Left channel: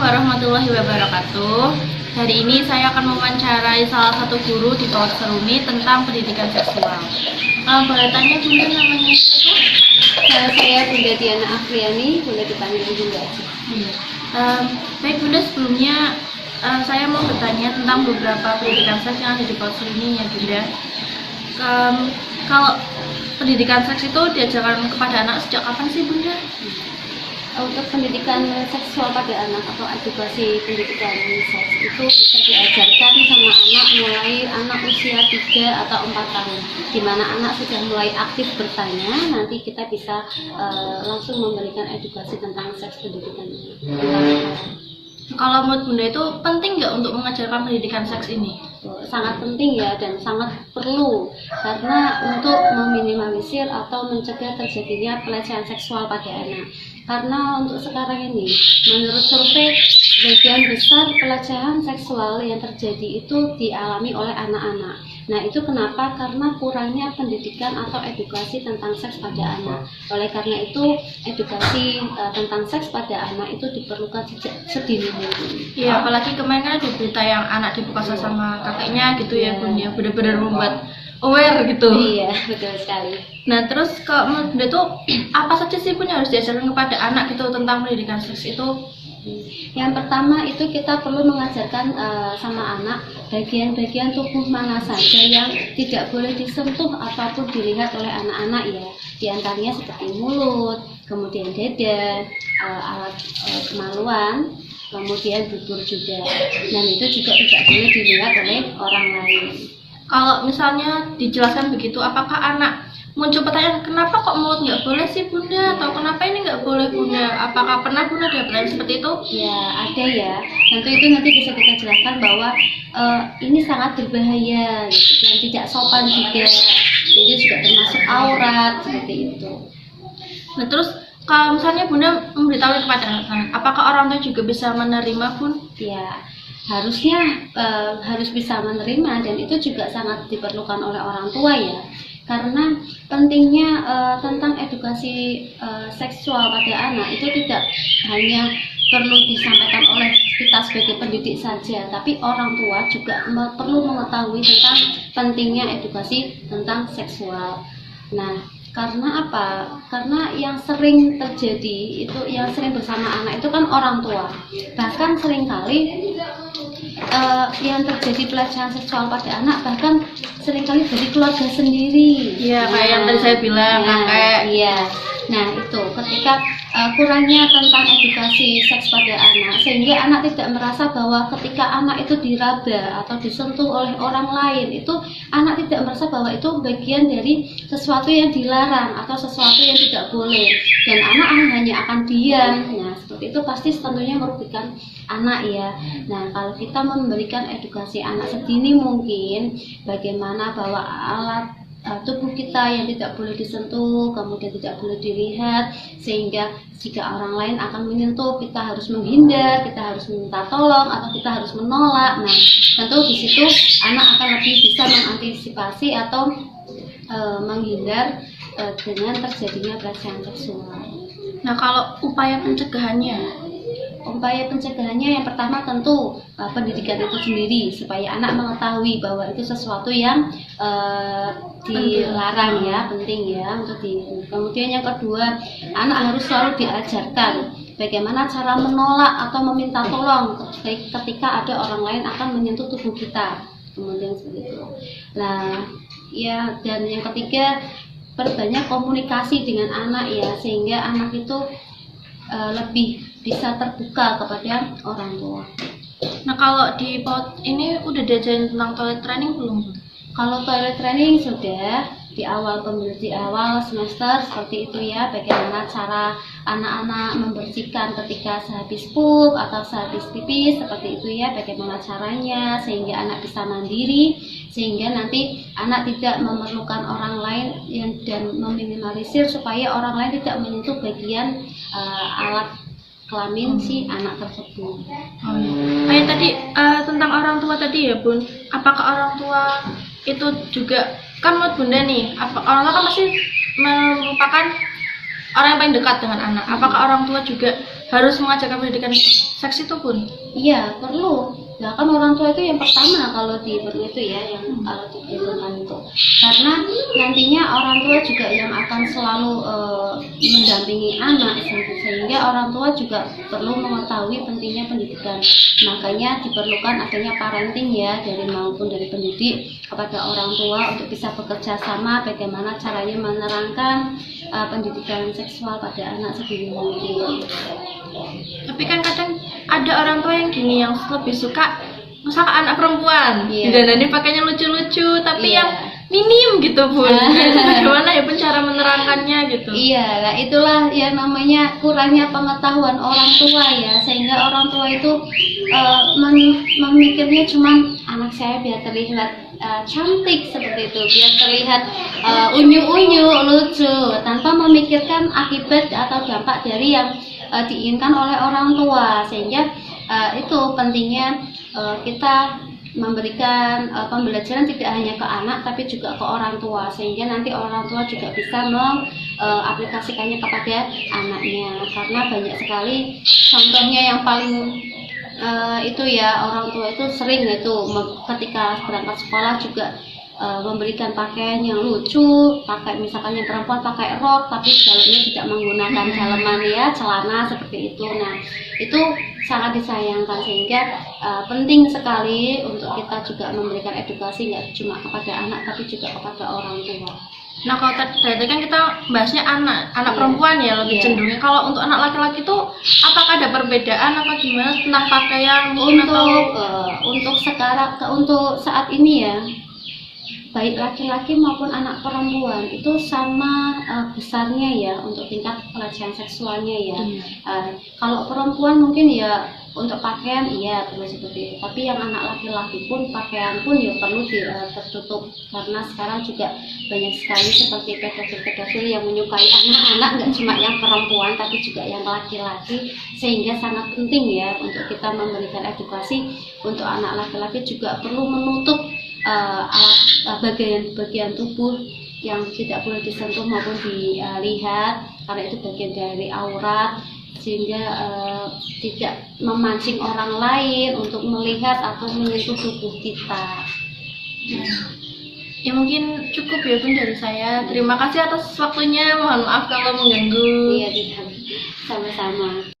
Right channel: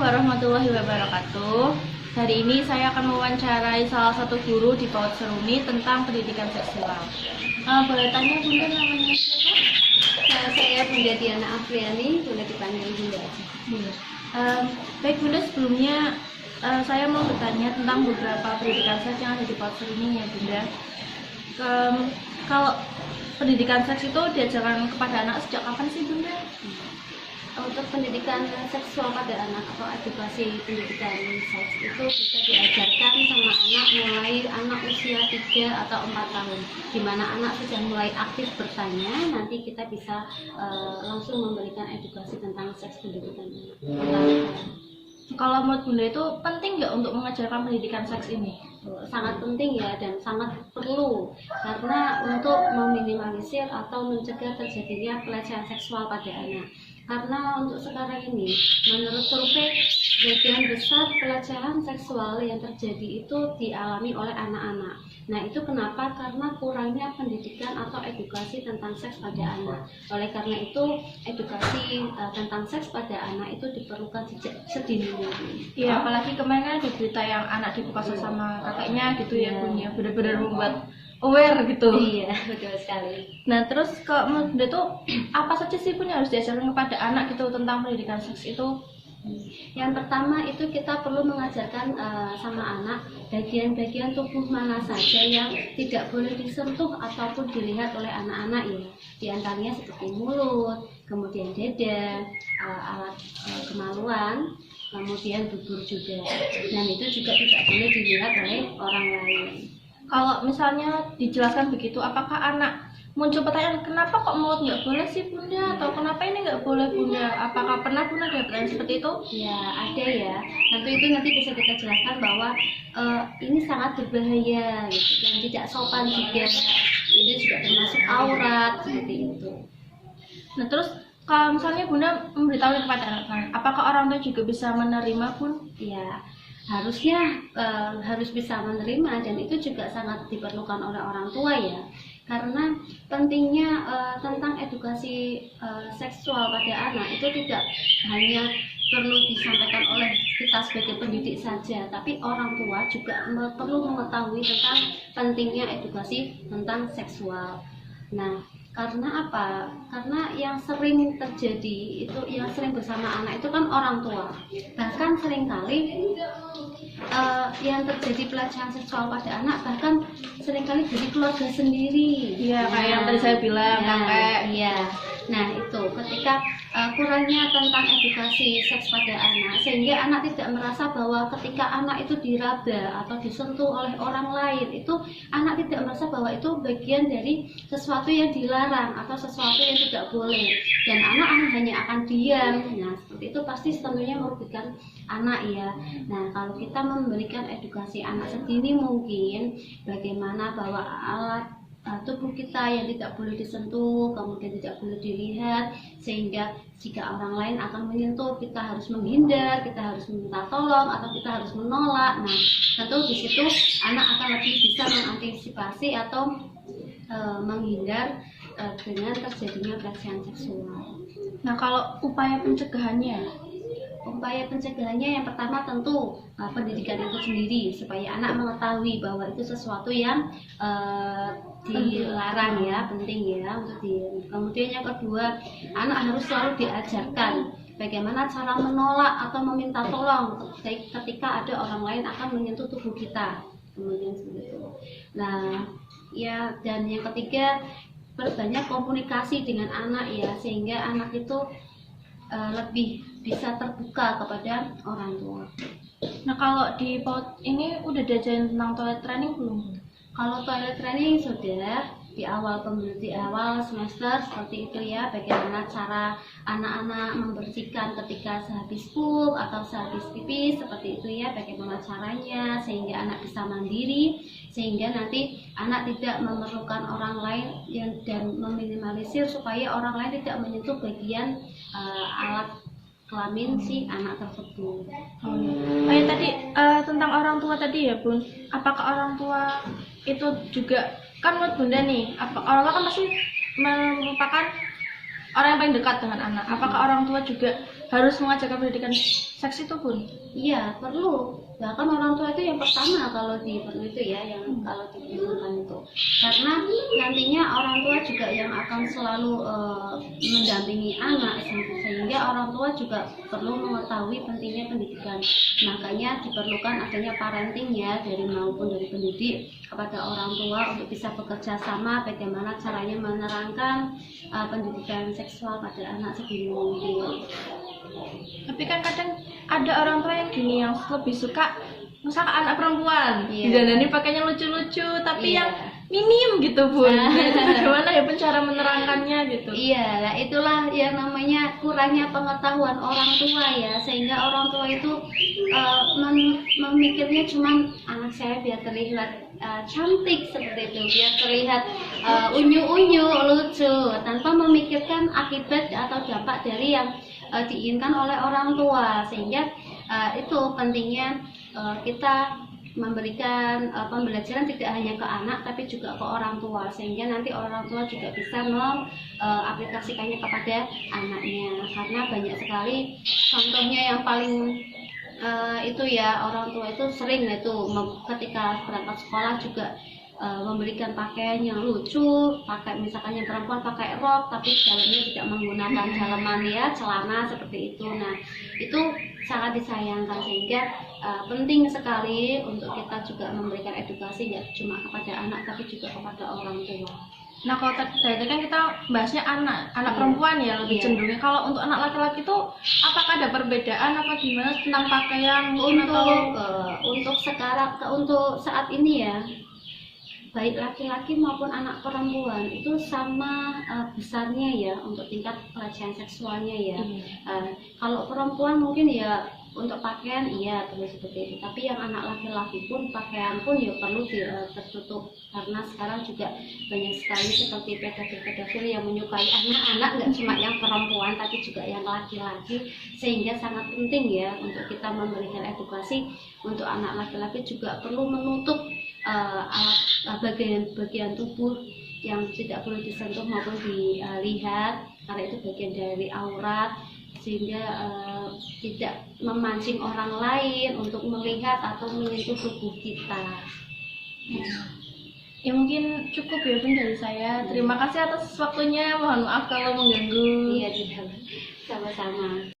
warahmatullahi wabarakatuh. Hari ini saya akan mewawancarai salah satu guru di PAUD Seruni tentang pendidikan seksual. Boleh tanya Bunda, namanya siapa? Saya Bunda Diana Afriani, boleh dipanggil Bunda aja. Baik Bunda, sebelumnya saya mau bertanya tentang beberapa pendidikan seks yang ada di PAUD Seruni ya Bunda. Kalau pendidikan seks itu diajarkan kepada anak sejak kapan sih Bunda? Untuk pendidikan seksual pada anak atau edukasi pendidikan seks itu bisa diajarkan sama anak mulai anak usia 3 atau 4 tahun, di mana anak sudah mulai aktif bertanya, nanti kita bisa langsung memberikan edukasi tentang seks pendidikan ini. Kalau menurut Bunda itu penting nggak untuk mengajarkan pendidikan seks ini? Sangat penting ya, dan sangat perlu, karena untuk meminimalisir atau mencegah terjadinya pelecehan seksual pada anak. Karena untuk sekarang ini, menurut survei, sebagian besar pelecehan seksual yang terjadi itu dialami oleh anak-anak. Nah, itu kenapa? Karena kurangnya pendidikan atau edukasi tentang seks pada anak. Oleh karena itu, edukasi tentang seks pada anak itu diperlukan sejak sedini mungkin. Iya, apalagi kemarin kan ada berita yang anak diperkosa sama kakeknya gitu ya Bun, ya benar-benar membuat aware gitu. Iya, betul sekali. Nah, terus kalau menurut Bunda tuh apa saja sih Bun yang harus diajarkan kepada anak gitu tentang pendidikan seks itu? Yang pertama itu kita perlu mengajarkan sama anak bagian-bagian tubuh mana saja yang tidak boleh disentuh ataupun dilihat oleh anak-anak ya. Di antaranya seperti mulut, kemudian dada, alat kemaluan, kemudian bibir juga. Dan itu juga tidak boleh dilihat oleh orang lain. Kalau misalnya dijelaskan begitu, apakah anak muncul pertanyaan kenapa kok mulut nggak boleh sih Bunda, atau kenapa ini nggak boleh Bunda? Apakah pernah Bunda ada pertanyaan seperti itu? Ya, ada ya. Nanti bisa kita jelaskan bahwa ini sangat berbahaya gitu, dan tidak sopan juga. Jadi juga termasuk aurat seperti itu. Nah, terus kalau misalnya Bunda memberitahu kepada anak-anak, apakah orang tua juga bisa menerima Bun? Ya, harusnya harus bisa menerima, dan itu juga sangat diperlukan oleh orang tua ya. Karena pentingnya tentang edukasi seksual pada anak itu tidak hanya perlu disampaikan oleh kita sebagai pendidik saja, tapi orang tua juga perlu mengetahui tentang pentingnya edukasi tentang seksual. Nah, karena apa? Karena yang sering terjadi itu, yang sering bersama anak itu kan orang tua. Bahkan seringkali yang terjadi pelecehan seksual pada anak bahkan seringkali dari keluarga sendiri. Iya, kayak yang tadi saya bilang, kakek. Iya. Nah, itu ketika kurangnya tentang edukasi seks pada anak, sehingga anak tidak merasa bahwa ketika anak itu diraba atau disentuh oleh orang lain, itu anak tidak merasa bahwa itu bagian dari sesuatu yang dilarang atau sesuatu yang tidak boleh, dan anak hanya akan diam. Nah, seperti itu pasti tentunya merugikan anak ya. Nah, kalau kita memberikan edukasi anak sedini mungkin, bagaimana bahwa alat tubuh kita yang tidak boleh disentuh, kemudian tidak boleh dilihat, sehingga jika orang lain akan menyentuh, kita harus menghindar, kita harus minta tolong, atau kita harus menolak. Nah, tentu di situ anak akan lebih bisa mengantisipasi atau menghindar dengan terjadinya pelecehan seksual. Nah, kalau upaya pencegahannya? Upaya pencegahannya yang pertama tentu pendidikan itu sendiri, supaya anak mengetahui bahwa itu sesuatu yang dilarang ya, penting ya untuk Kemudian yang kedua, anak harus selalu diajarkan bagaimana cara menolak atau meminta tolong ketika ada orang lain akan menyentuh tubuh kita. Kemudian seperti itu. Nah, ya, dan yang ketiga, perbanyak komunikasi dengan anak ya, sehingga anak itu lebih bisa terbuka kepada orang tua. Nah, kalau di PAUD ini udah diajarin tentang toilet training belum? Kalau toilet training sudah di awal semester seperti itu ya, bagaimana cara anak-anak membersihkan ketika sehabis pup atau sehabis pipis, seperti itu ya, bagaimana caranya sehingga anak bisa mandiri, sehingga nanti anak tidak memerlukan orang lain dan meminimalisir supaya orang lain tidak menyentuh bagian alat kelamin si anak tersebut. Oh iya. Kayak tadi tentang orang tua tadi ya Bun, apakah orang tua itu juga, kan menurut Bunda nih, orang tua kan pasti merupakan orang yang paling dekat dengan anak. Apakah orang tua juga harus mengajarkan pendidikan seks itu pun? Iya, perlu. Ya kan orang tua itu yang pertama kalau di itu ya, yang kalau diperlukan itu. Karena nantinya orang tua juga yang akan selalu mendampingi anak, sehingga orang tua juga perlu mengetahui pentingnya pendidikan. Makanya diperlukan adanya parenting ya, dari maupun dari pendidik kepada orang tua untuk bisa bekerja sama bagaimana caranya menerangkan pendidikan seksual pada anak sedini mungkin. Tapi kan kadang ada orang tua yang gini, yang lebih suka misalkan anak perempuan Iya. didandani pakainya lucu-lucu tapi Iya. yang minim gitu pun. Bagaimana ya pun cara menerangkannya gitu? Iya, nah itulah yang namanya kurangnya pengetahuan orang tua ya, sehingga orang tua itu memikirnya cuman anak saya biar terlihat cantik seperti itu, biar terlihat unyu-unyu, lucu, tanpa memikirkan akibat atau dampak dari yang diinginkan oleh orang tua. Sehingga itu pentingnya kita memberikan pembelajaran tidak hanya ke anak tapi juga ke orang tua, sehingga nanti orang tua juga bisa mengaplikasikannya kepada anaknya. Karena banyak sekali contohnya yang paling itu ya, orang tua itu sering itu ketika berangkat sekolah juga memberikan pakaian yang lucu, pakai misalkan yang perempuan pakai rok tapi dalamnya tidak menggunakan dalaman ya, celana seperti itu. Nah itu sangat disayangkan, sehingga penting sekali untuk kita juga memberikan edukasi nggak cuma kepada anak tapi juga kepada orang tua. Nah kalau tadi kan kita bahasnya anak perempuan ya lebih cenderungnya. Kalau untuk anak laki-laki itu apakah ada perbedaan apa gimana tentang pakaian mungkin untuk sekarang untuk saat ini ya, baik laki-laki maupun anak perempuan itu sama besarnya ya untuk tingkat pelecehan seksualnya ya. Kalau perempuan mungkin ya untuk pakaian iya perlu seperti itu, tapi yang anak laki-laki pun pakaian pun ya perlu tertutup, karena sekarang juga banyak sekali seperti pedofil-pedofil yang menyukai anak-anak, nggak cuma yang perempuan tapi juga yang laki-laki, sehingga sangat penting ya untuk kita memberikan edukasi untuk anak laki-laki juga perlu menutup bagian tubuh yang tidak boleh disentuh maupun dilihat, karena itu bagian dari aurat, sehingga tidak memancing orang lain untuk melihat atau menyentuh tubuh kita. Ya mungkin cukup ya Bun dari saya. Terima kasih atas waktunya, mohon maaf kalau mengganggu. Iya, tidak. Sama-sama.